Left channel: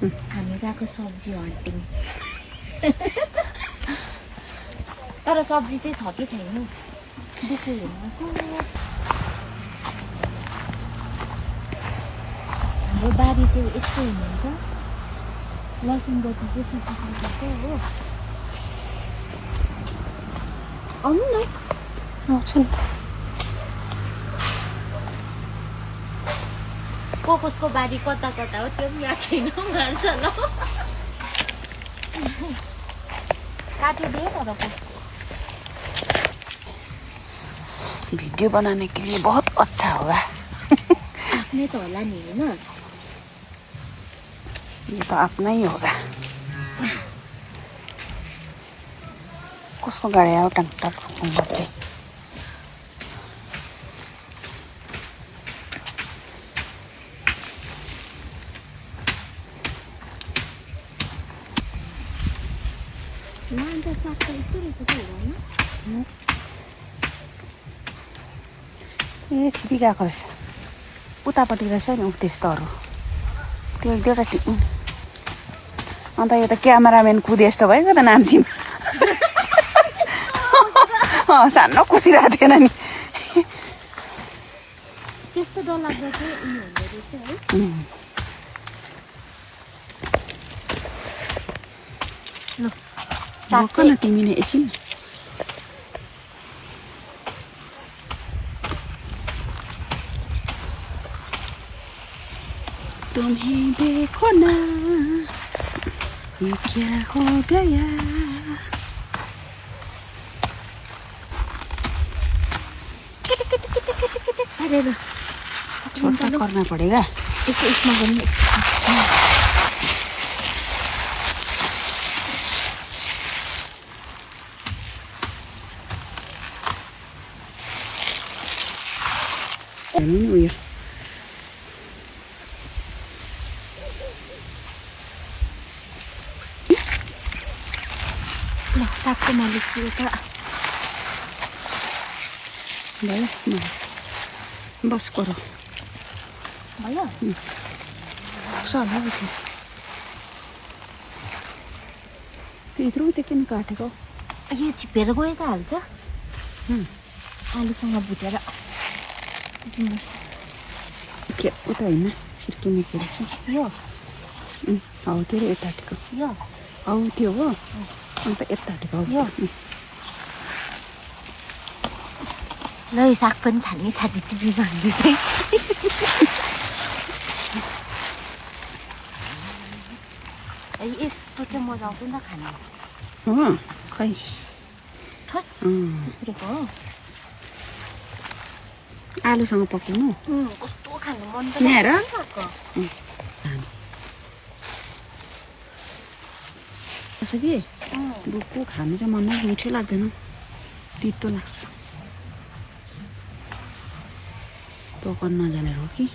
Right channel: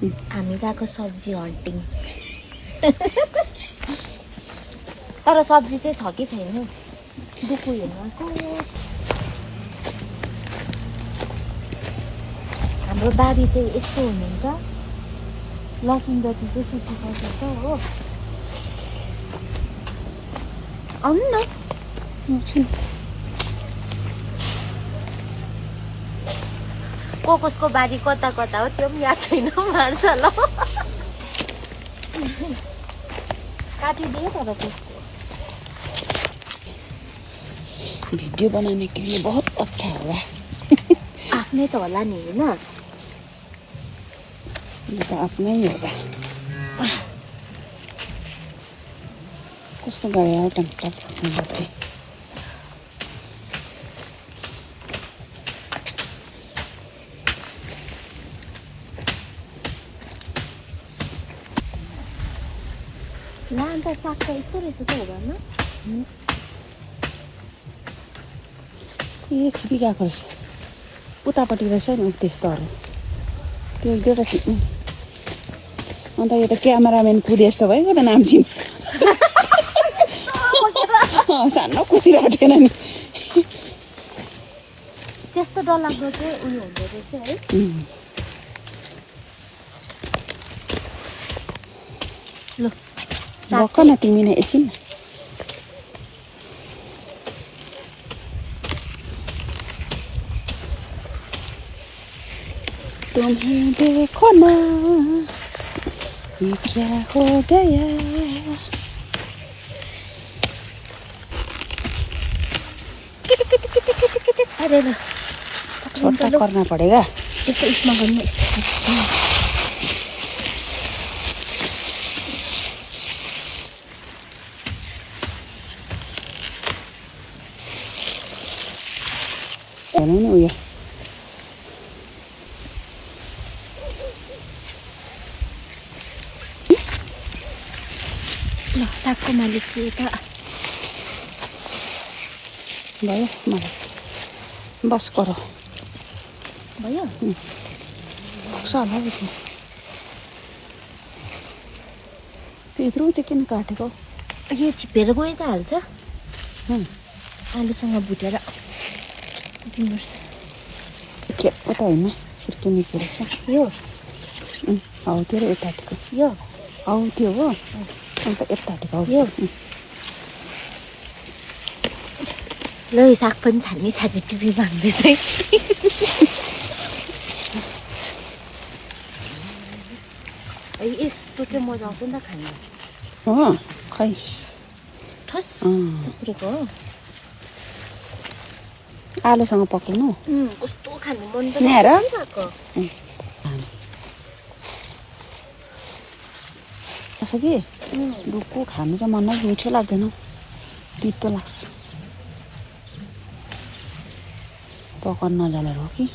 हामी गएको सब्जी हन्टिङ तर सब्जी चाहिँ छ कि छैन दुखु हेर्नको हाम्रो बारी चाहिँ यस्तो हुनुहुन्छ लसुन जति चाहिँ सुकिसकेको छ हो आउनु न कसको बारी कता कता हो त्यो पनि याद छैन मार्छ काटिदिए तर कसको वीडियो बनाने के लिए बहुत अच्छा होगा आफ्नै त होला नि होइन ये तो अपना ही होगा कसको गाडी आयो टंक बत्ती ला अन्त साग त यस्तो रहेछ त हुँदैन ए छिपी गएको रहेछ उतापट्टि रहेछ नि ऊ त्यस्तोहरू त्यो एक दुईवटा अन्त यो त क्यामेराम्यान कुदे जस्तो भयो क्या त नाम्चीमा सानो कुदिरहेको थिएन नि त्यस्तो डरलाग्दो चाहिँ उयो हुँदो रहेछ है ल रोक न तिमी नै एकछिन तुम्हें देखो ना ये क्या हो गया अरे छोटा करना पड़ेगा यस्तो उसमा गर्नु हेर्नु नि उयो ल सागको मालिक चाहिँ यता भयो बस करो भयो सल्लाह यत्रो चाहिँ किन काटेको यो छिपेर गएको हाल्छ आलुसँग भुटेर दिनुपर्छ उता होइन छिर्किने के रहेछ यो हौ त्यो र यताटिको यो हौ त्यो हो अन्त यताटिको हौ यो ल यो साग पनि छान्ने छान्ने टिभी भाग्दैछ है यस्तो चाहिँ मजा आउँछ नि त खानु हो खै ठस सुक्रेको हो आलुसँग पकाउनु कस्तो खानु मन त यहाँ हेर छ कि डुकु खानु चाहिँ मन मिठो लाग्दैन तितो लाग्छ पकाउन नजानेर हो कि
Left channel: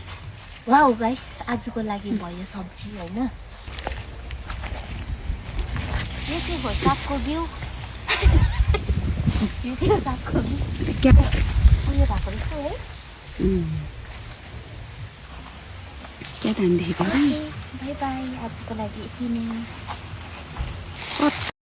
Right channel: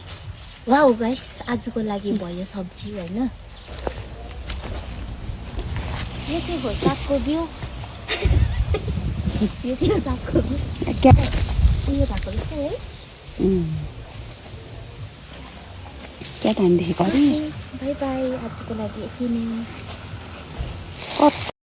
वाउ गाइस आजको लागि भयो सब्जी होइन यो चाहिँ हो सागको बिउ यो चाहिँ सागको बिउ उयो भएको रहेछ है क्या टाइमदेखि बाई बाई आजको लागि यति नै